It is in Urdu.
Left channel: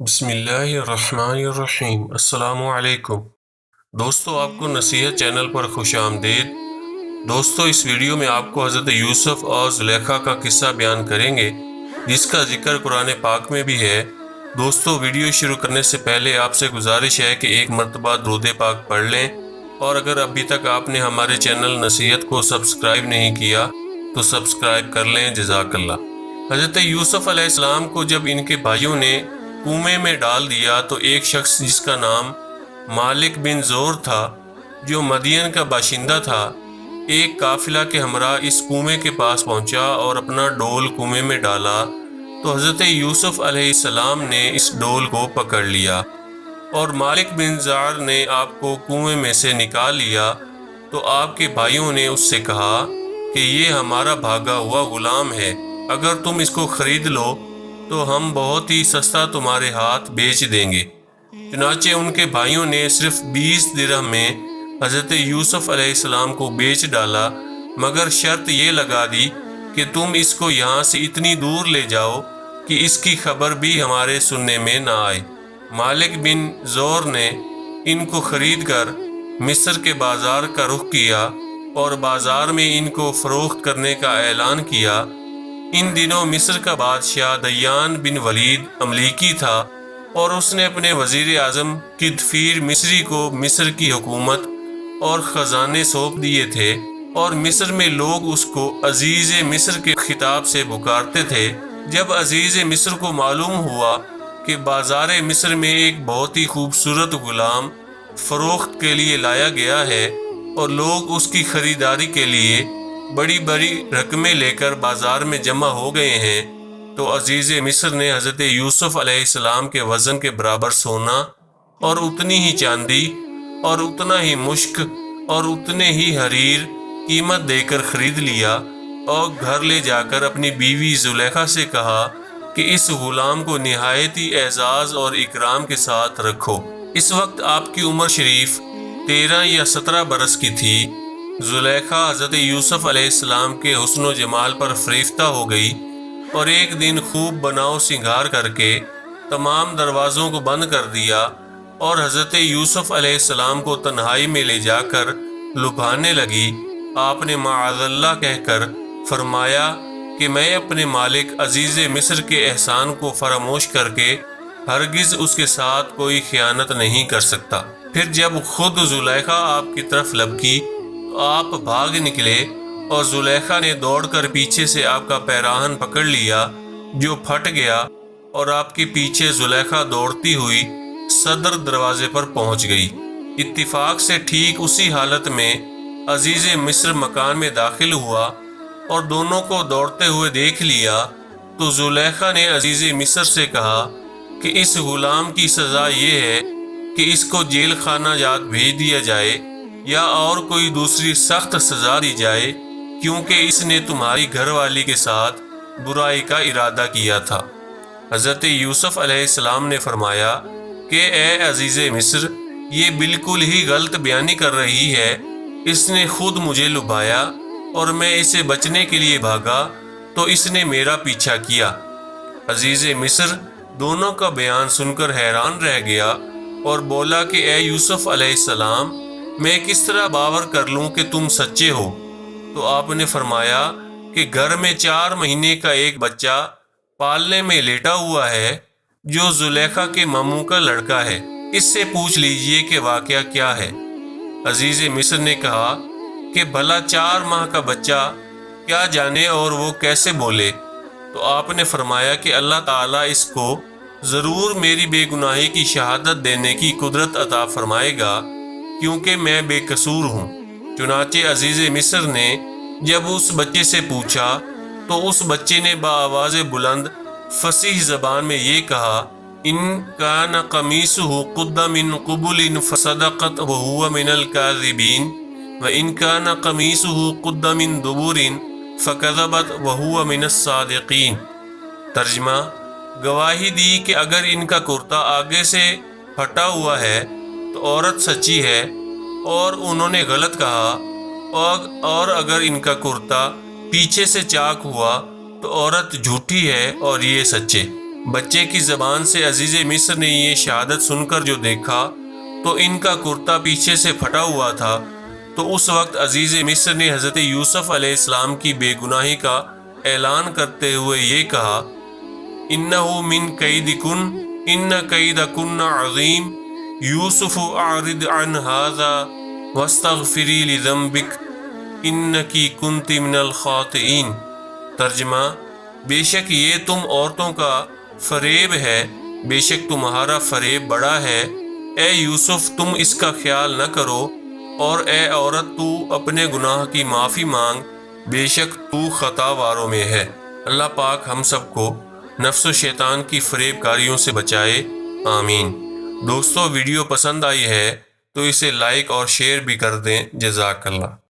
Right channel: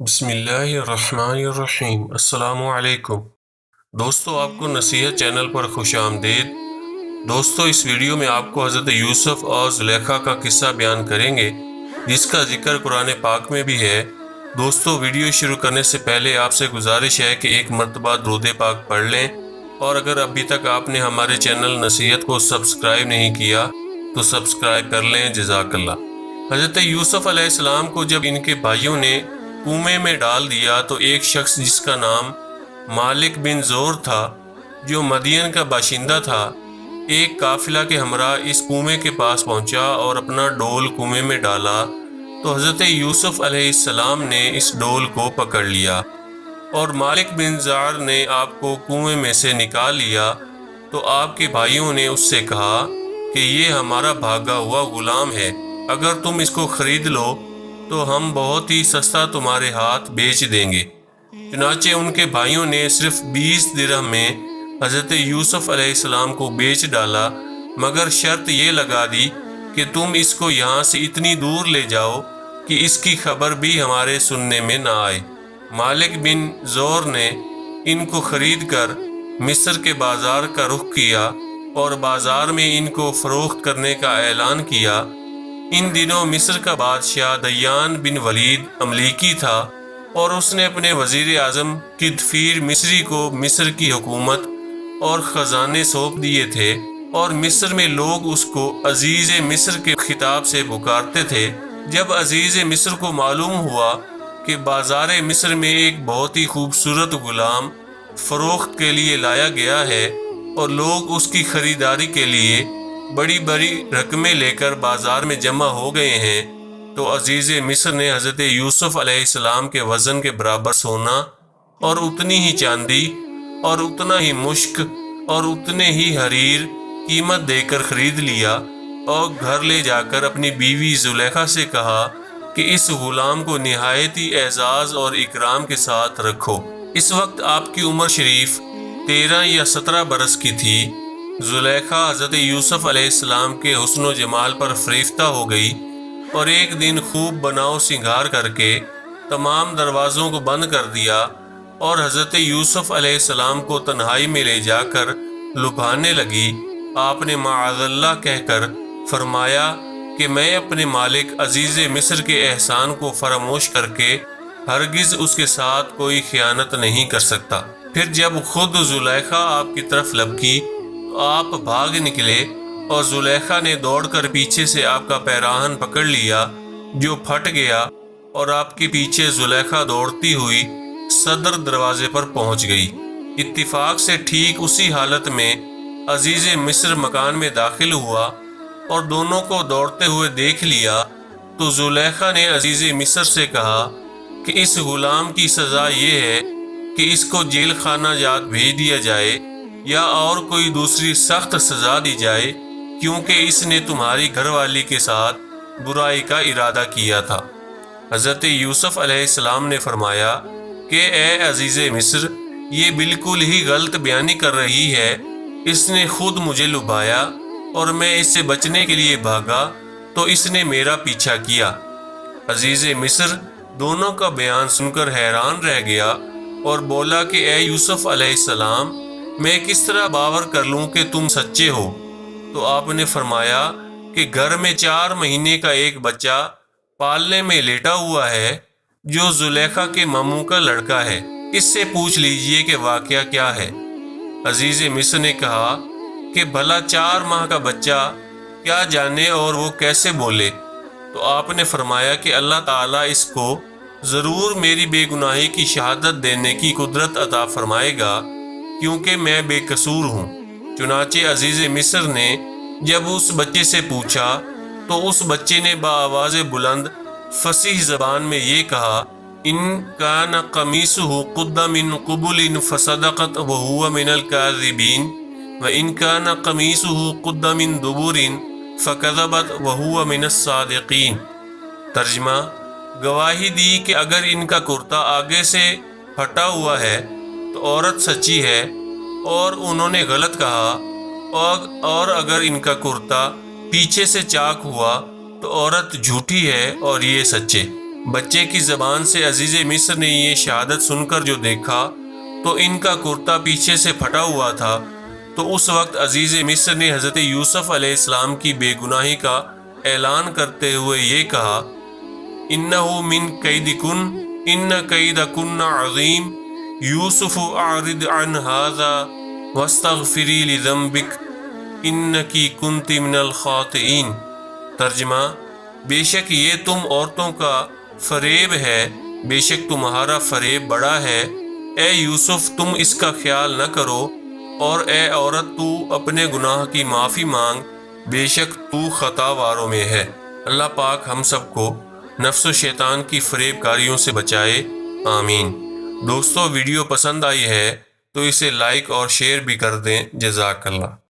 بسم اللہ الرحمن الرحیم۔ السلام علیکم دوستو، آپ کو نصیحت چینل پر خوش آمدید۔ دوستو، اس ویڈیو میں آپ کو حضرت یوسف اور زلیخا کا قصہ بیان کریں گے، جس کا ذکر قرآن پاک میں بھی ہے۔ دوستو، ویڈیو شروع کرنے سے پہلے آپ سے گزارش ہے کہ ایک مرتبہ درود پاک پڑھ لیں، اور اگر ابھی تک آپ نے ہمارے چینل نصیحت کو سبسکرائب نہیں کیا تو سبسکرائب کر لیں، جزاک اللہ۔ حضرت یوسف علیہ السلام کو جب ان کے بھائیوں نے کنویں میں ڈال دیا تو ایک شخص جس کا نام مالک بن زور تھا، جو مدین کا باشندہ تھا، ایک قافلہ کے ہمراہ اس کنویں کے پاس پہنچا اور اپنا ڈول کنویں میں ڈالا تو حضرت یوسف علیہ السلام نے اس ڈول کو پکڑ لیا، اور مالک بن زار نے آپ کو کنویں میں سے نکال لیا تو آپ کے بھائیوں نے اس سے کہا کہ یہ ہمارا بھاگا ہوا غلام ہے، اگر تم اس کو خرید لو تو ہم بہت ہی سستا تمہارے ہاتھ بیچ دیں گے۔ چنانچہ ان کے بھائیوں نے صرف 20 درہم میں حضرت یوسف علیہ السلام کو بیچ ڈالا، مگر شرط یہ لگا دی کہ تم اس کو یہاں سے اتنی دور لے جاؤ کہ اس کی خبر بھی ہمارے سننے میں نہ آئے۔ مالک بن زور نے ان کو خرید کر مصر کے بازار کا رخ کیا اور بازار میں ان کو فروخت کرنے کا اعلان کیا۔ ان دنوں مصر کا بادشاہ دیان بن ولید املیکی تھا، اور اس نے اپنے وزیر اعظم کدفیر مصری کو مصر کی حکومت اور خزانے سونپ دیے تھے، اور مصر میں لوگ اس کو عزیز مصر کے خطاب سے پکارتے تھے۔ جب عزیز مصر کو معلوم ہوا کہ بازار مصر میں ایک بہت ہی خوبصورت غلام فروخت کے لیے لایا گیا ہے اور لوگ اس کی خریداری کے لیے بڑی بڑی رقمیں لے کر بازار میں جمع ہو گئے ہیں، تو عزیز مصر نے حضرت یوسف علیہ السلام کے وزن کے برابر سونا اور اتنی ہی چاندی اور اتنا ہی مشک اور اتنے ہی حریر قیمت دے کر خرید لیا، اور گھر لے جا کر اپنی بیوی زلیخا سے کہا کہ اس غلام کو نہایت ہی اعزاز اور اکرام کے ساتھ رکھو۔ اس وقت آپ کی عمر شریف 13 یا 17 برس کی تھی۔ زلیخا حضرت یوسف علیہ السلام کے حسن و جمال پر فریفتہ ہو گئی، اور ایک دن خوب بناؤ سنگھار کر کے تمام دروازوں کو بند کر دیا، اور حضرت یوسف علیہ السلام کو تنہائی میں لے جا کر لبھانے لگی۔ آپ نے معاذ اللہ کہہ کر فرمایا کہ میں اپنے مالک عزیز مصر کے احسان کو فراموش کر کے ہرگز اس کے ساتھ کوئی خیانت نہیں کر سکتا۔ پھر جب خود زلیخا آپ کی طرف لپکی تو آپ بھاگ نکلے، اور زلیخا نے دوڑ کر پیچھے سے آپ کا پیراہن پکڑ لیا، جو پھٹ گیا، اور آپ کے پیچھے زلیخا دوڑتی ہوئی صدر دروازے پر پہنچ گئی۔ اتفاق سے ٹھیک اسی حالت میں عزیز مصر مکان میں داخل ہوا اور دونوں کو دوڑتے ہوئے دیکھ لیا، تو زلیخا نے عزیز مصر سے کہا کہ اس غلام کی سزا یہ ہے کہ اس کو جیل خانہ جات بھیج دیا جائے یا اور کوئی دوسری سخت سزا دی جائے، کیونکہ اس نے تمہاری گھر والی کے ساتھ برائی کا ارادہ کیا تھا۔ حضرت یوسف علیہ السلام نے فرمایا کہ اے عزیز مصر، یہ بالکل ہی غلط بیانی کر رہی ہے، اس نے خود مجھے لبھایا اور میں اسے بچنے کے لیے بھاگا تو اس نے میرا پیچھا کیا۔ عزیز مصر دونوں کا بیان سن کر حیران رہ گیا اور بولا کہ اے یوسف علیہ السلام، میں کس طرح باور کر لوں کہ تم سچے ہو؟ تو آپ نے فرمایا کہ گھر میں 4 مہینے کا ایک بچہ پالنے میں لیٹا ہوا ہے، جو زلیخا کے ماموں کا لڑکا ہے، اس سے پوچھ لیجئے کہ واقعہ کیا ہے۔ عزیز مصر نے کہا کہ بھلا 4 ماہ کا بچہ کیا جانے اور وہ کیسے بولے؟ تو آپ نے فرمایا کہ اللہ تعالیٰ اس کو ضرور میری بے گناہی کی شہادت دینے کی قدرت عطا فرمائے گا، کیونکہ میں بے قصور ہوں۔ چنانچہ عزیز مصر نے جب اس بچے سے پوچھا تو اس بچے نے بآواز بلند فصیح زبان میں یہ کہا، ان کان قمیصہ قد من قبل فصدقت وهو من الكاذبین وان کان قمیصہ قد من دبر فکذبت وهو من الصادقین۔ ترجمہ: گواہی دی کہ اگر ان کا کرتا آگے سے پھٹا ہوا ہے تو عورت سچی ہے اور انہوں نے غلط کہا، اور اگر ان کا کرتا پیچھے سے چاک ہوا تو عورت جھوٹی ہے اور یہ سچے۔ بچے کی زبان سے عزیز مصر نے یہ شہادت سن کر جو دیکھا تو ان کا کرتا پیچھے سے پھٹا ہوا تھا۔ تو اس وقت عزیز مصر نے حضرت یوسف علیہ السلام کی بے گناہی کا اعلان کرتے ہوئے یہ کہا، اِنَّهُ مِن كَيْدِكُنَّ إِنَّ كَيْدَكُنَّ عَظِيمٌ یوسف اعرض عن هذا واستغفری لذنبک انکی کنت من الخاطئین۔ ترجمہ: بے شک یہ تم عورتوں کا فریب ہے، بے شک تمہارا فریب بڑا ہے۔ اے یوسف تم اس کا خیال نہ کرو، اور اے عورت تو اپنے گناہ کی معافی مانگ، بے شک تو خطا واروں میں ہے۔ اللہ پاک ہم سب کو نفس و شیطان کی فریب کاریوں سے بچائے، آمین۔ دوستو ویڈیو پسند آئی ہے تو اسے لائک اور شیئر بھی کر دیں۔ جزاک اللہ۔